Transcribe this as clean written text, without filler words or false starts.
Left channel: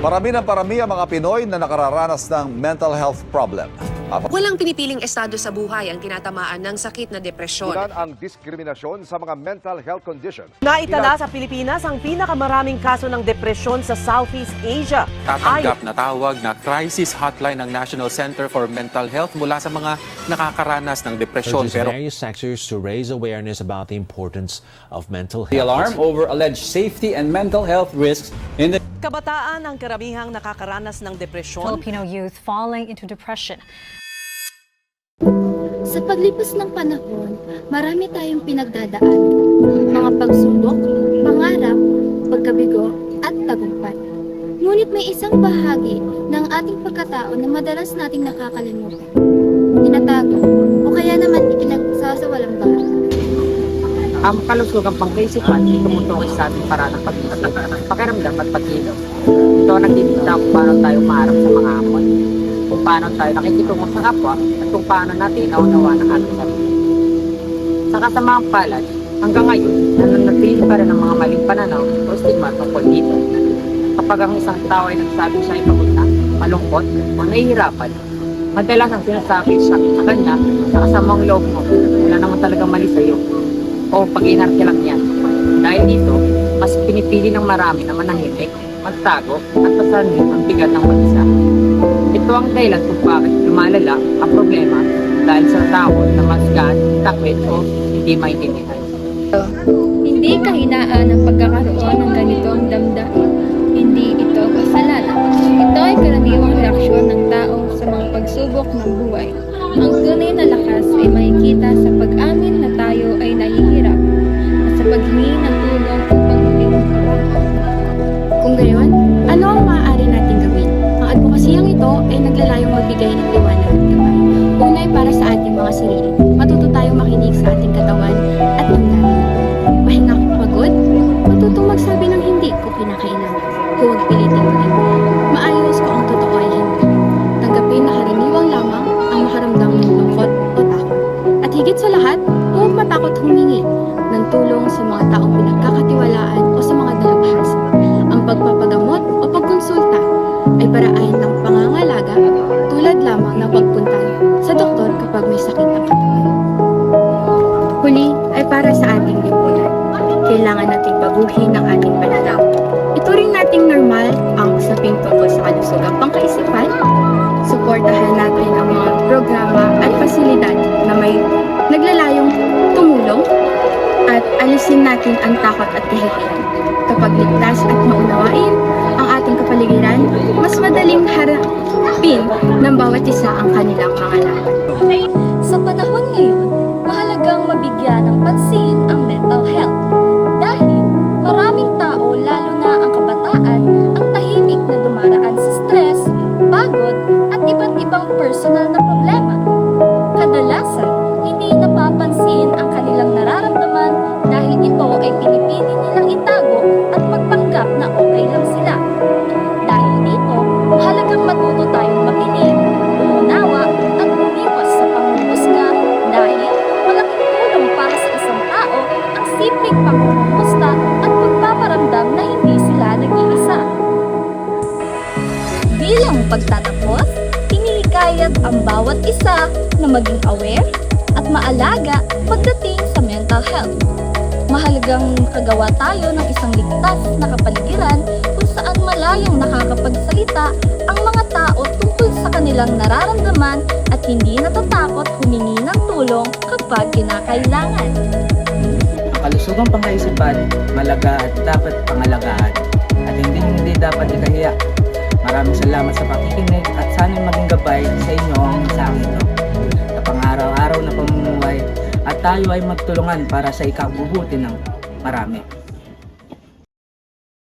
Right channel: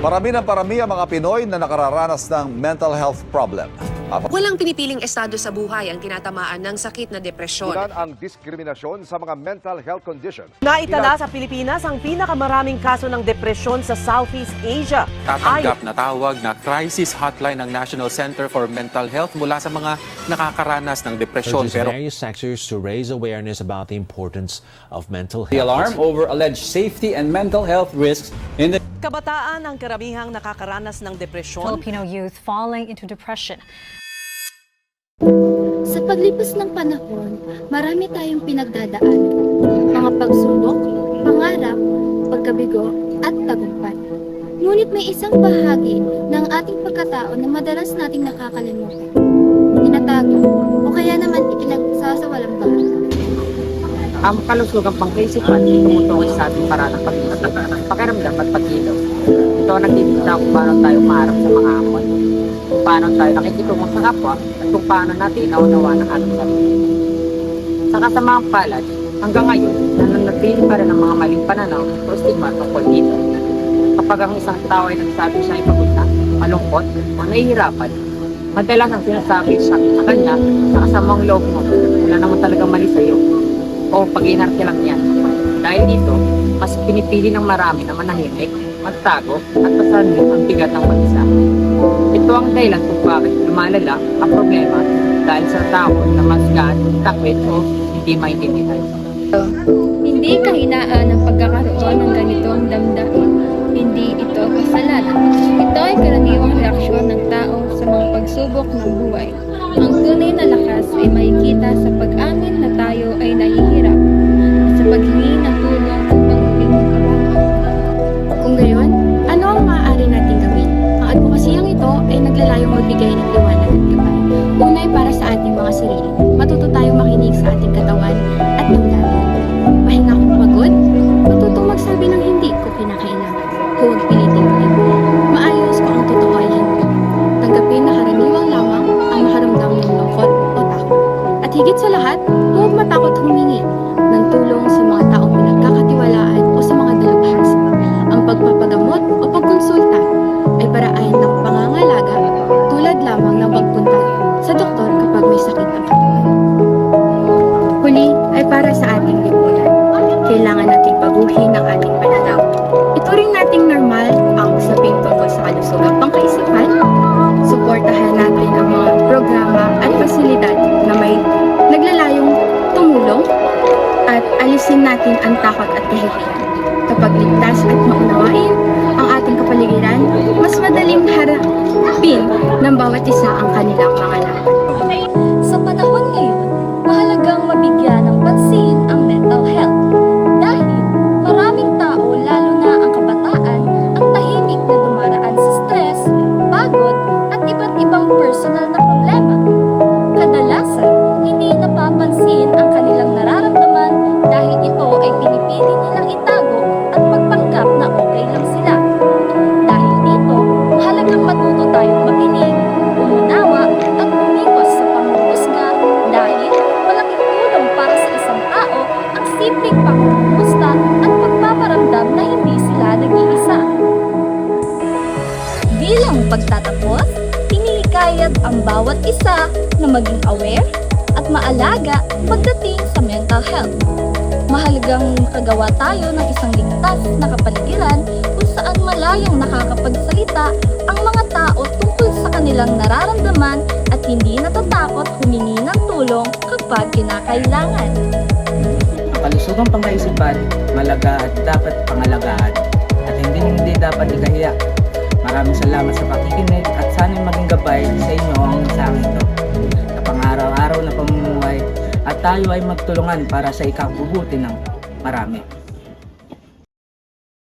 Parami ang mga Pinoy na nakararanas ng mental health problem. Walang pinipiling estado sa buhay ang tinatamaan ng sakit na depresyon. Tunan ang diskriminasyon sa mga mental health condition. Naitala sa Pilipinas ang pinakamaraming kaso ng depresyon sa Southeast Asia. Tatanggap na tawag na crisis hotline ng National Center for Mental Health mula sa mga nakakaranas ng depresyon. Pero various sectors to raise awareness about the importance of mental health. The alarm over alleged safety and mental health risks in the Kabataan ang karamihang nakakaranas ng depresyon. Filipino youth falling into depression. Sa paglipas ng panahon, marami tayong pinagdadaan. Mga pagsubok, pangarap, pagkabigo, at tagumpay. Ngunit may isang bahagi ng ating pagkatao na madalas nating nakakalimutan. Tinatago o kaya naman ikinagsasawalang bahay. Ang kalusugang pangkaisipan ay tumutungo sa ating paraan ng pag-isip, pakiramdam at pag-ilaw. Ito ang nagdidikta kung paano tayo maharap sa mga hamon, kung paano tayo nakikitungo sa kapwa, at kung paano natin naunawa ng ating sarili. Sa kasamaang palad, hanggang ngayon, nananatili pa rin ang mga maling pananaw o stigma tungkol dito. Kapag ang isang tao ay nagsabi siya ay pagod na, malungkot, o nahihirapan, madalas ang sinasabi sa kanya sa kasamang loob mo, wala naman talagang mali sa iyo, o pag-inarte lang yan. Dahil dito, mas pinipili ng marami na manahimik, magtago, at pasanin ang bigat ng mag-isa. Ito ang dahilan kung bakit lumalala ang problema dahil sa takot na masgan, takwit o hindi maintindihan. Hindi kahinaan ang pagkakaroon ng ganitong damdamin. Hindi ito kasalanan. Ito ay karaniwang reaksyon ng tao sa mga pagsubok ng buhay. Ang tunay na lakas ay makikita sa pag-amin na tayo ay nahihirap at sa paghingi ng tulong upang muling makabangon. Kung gayon, ano ang maaari nating gawin? Ang advokasiyang ito ay naglalayong magbigay ng liwanag at gabay. Unay para sa ating mga sarili. Matuto tayong makinig sa ating katawan at damdamin. Pahinga kung pagod, matutong magsabi ng hindi kung kinakailangan. Huwag piliting maging maayos kung ang totoo ay hindi. Tanggapin na karaniwang lamang ang makaramdam ng lungkot o takot. At higit sa lahat, huwag matakot humingi ng tulong sa mga taong pinagkakatiwalaan o sa mga dalubhasa. Ang pagpapagamot o pagkonsulta ay paraan ng pangangalaga tulad lamang ng pagpunta sa doktor kapag may sakit ang katawan. Huli ay para sa ating lipunan. Kailangan nating baguhin ang ating pananaw. Ituring nating normal ang usaping tungkol sa kalusugang pangkaisipan. Suportahan natin ang mga programa at pasilidad na may naglalayong tumulong at alisin natin ang takot at kahihiyan. Kapag ligtas at maunawain ang ating kapaligiran, mas madaling harapin ng bawat isa ang kanilang mga laban. Sa panahon ngayon, mahalagang mabigyan ng pansin ang mental health. Dahil maraming tao, lalo na ang kabataan, ang tahimik na dumaraan sa stress, pagod, at iba't ibang personal na problema. Kadalasan, hindi napapansin ang kanilang nararamdaman dahil ito ay pinipili nilang itago at magpanggap na okay lang sila. Dahil dito, mahalagang matuto tayong makinig, umunawa, at umiwas sa panghuhusga dahil malaking tulong para sa isang tao ang simpleng pangungumusta at pagpaparamdam na hindi sila nag-iisa. Bilang pagtatapos, hinihikayat ang bawat isa na maging aware at maalaga pagdating sa mental health. Mahalagang makagawa tayo ng isang ligtas na kapaligiran kung saan malayang nakakapagsalita ang mga tao tungkol sa kanilang nararamdaman at hindi natatakot humingi ng tulong kapag kinakailangan. Ang kalusugang pangkaisipan, malaga at dapat pangalagaan at hindi dapat ikahiya. Maraming salamat sa pakikinig at sana'y maging gabay sa inyo ang mensaheng ito sa pang-araw-araw na pamumuhay at tayo ay magtulungan para sa ikabubuti ng marami.